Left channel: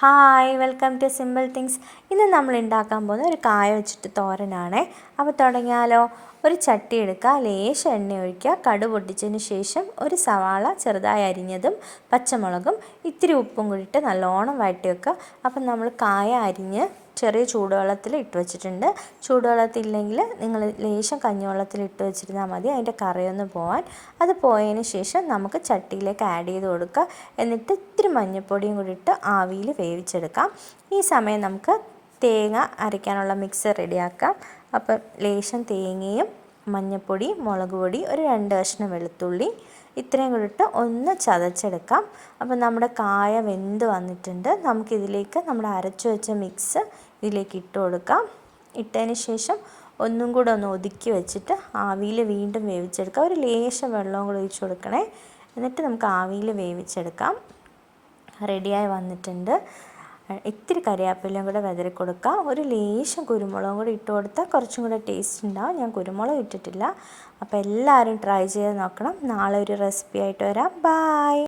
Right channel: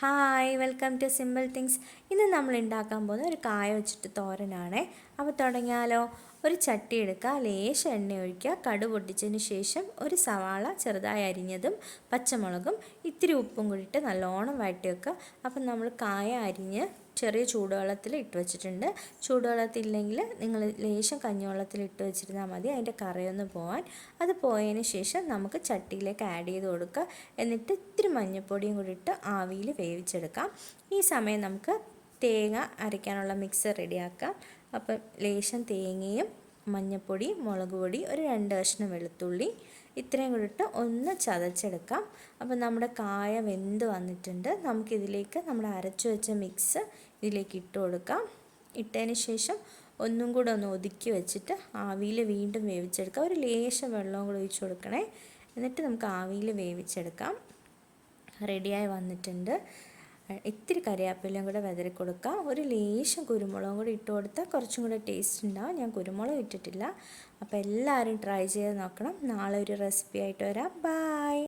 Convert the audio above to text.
Hi welcome to simple things ഇന്ന് നമ്മൾ ഉണ്ടാക്കാൻ പോകുന്ന ഒരു കായ വെച്ചിട്ട് തോരനാണ്. അപ്പോൾ തുടങ്ങിയാലോ. ഒരു ചട്ടി എടുക്കുക ലേശം എണ്ണ ഒഴിക്കുക കടു പൊട്ടിച്ചതിന് ശേഷം ഒരു സവാള ചെറുതായി അരിഞ്ഞതും പച്ചമുളകും ഇത്തിരി ഉപ്പും കൂടിയിട്ട് നല്ലോണം വഴറ്റി വെക്കുക. അപ്പം നമ്മൾ കായ അരിഞ്ഞ് ചെറിയ ചൂടുവെള്ളത്തിൽ ഇട്ട് വെച്ചിട്ടുണ്ട്. ചൂടുവെള്ളത്തില്ലെങ്കിൽ നിങ്ങൾ ലേശം കഞ്ഞിവെള്ളത്തിൽ ഇട്ട് വെച്ചിരുന്നാൽ മതി. അതിന്റെ കറിയൊന്ന് പോകാൻ അത് പോയതിന് ശേഷം നമുക്ക് ചട്ടിയിലേക്ക് ആഡ് ചെയ്ത് കൊടുക്കുക. എന്നിട്ട് ഇത്തിരി മഞ്ഞൾപ്പൊടിയും കൂടി ഇട്ട് ആവിയിൽ വേവിച്ചെടുക്കാം. ഈ സമയം നമുക്ക് തേങ്ങ അരയ്ക്കാനുള്ള മിക്സ് റെഡിയാക്കാം. അപ്പം ലേശം തേങ്ങയും മഞ്ഞൾപ്പൊടി മുളക് പൊടി ഒരു രണ്ട് കഷ്ണം വെളുത്തുള്ളി ഇത്രയും കൂടി ഇട്ട് ഒന്ന് ചതച്ചെടുക്കാം. അപ്പോൾ നമ്മുടെ കായ വെന്ത് വന്നിട്ടുണ്ട്. നമുക്കിതിലേക്ക് നമ്മുടെ അരച്ചു വെച്ച മിക്സ് ഇതിലേക്ക് ഇട്ട് കൊടുക്കാം. ഇട്ടതിന് ശേഷം ഒന്നും കൂടെ ഒന്ന് ഒതുക്കി വെച്ചിട്ട് ആവിയിൽ വീണ്ടും വേവിച്ചെടുക്കാം. ഒരു ലേശം വെള്ളവും കൂടെ ഒഴിച്ച് കൊടുക്കണേ. എന്നിട്ട് നമുക്ക് ആവിയിൽ വേവിച്ചെടുക്കാം. റെഡിയായി വന്നിട്ടുണ്ട്. ഇത്തിരി കറിവേപ്പിലയും കൂടെ വിതറി കൊടുക്കാം. ഒരു ലേശം കുരുമുളകും കൂടി ഇട്ട് കൊടുത്താൽ കുറച്ചും കൂടെ ടേസ്റ്റ് ഉണ്ടാവും. ഞാൻ കുരുമുളക് ഇട്ടിട്ടില്ല. അപ്പോൾ എല്ലാവരും ട്രൈ ചെയ്ത് നോക്കണം. നാളെ ഒരു റെസിപ്പി ആയിട്ട് വരാം. ബായ്